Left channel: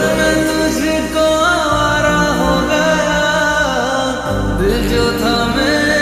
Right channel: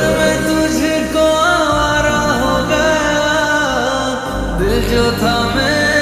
फिर मैं तुझको आवारा हो गया, दिल जो था मेरा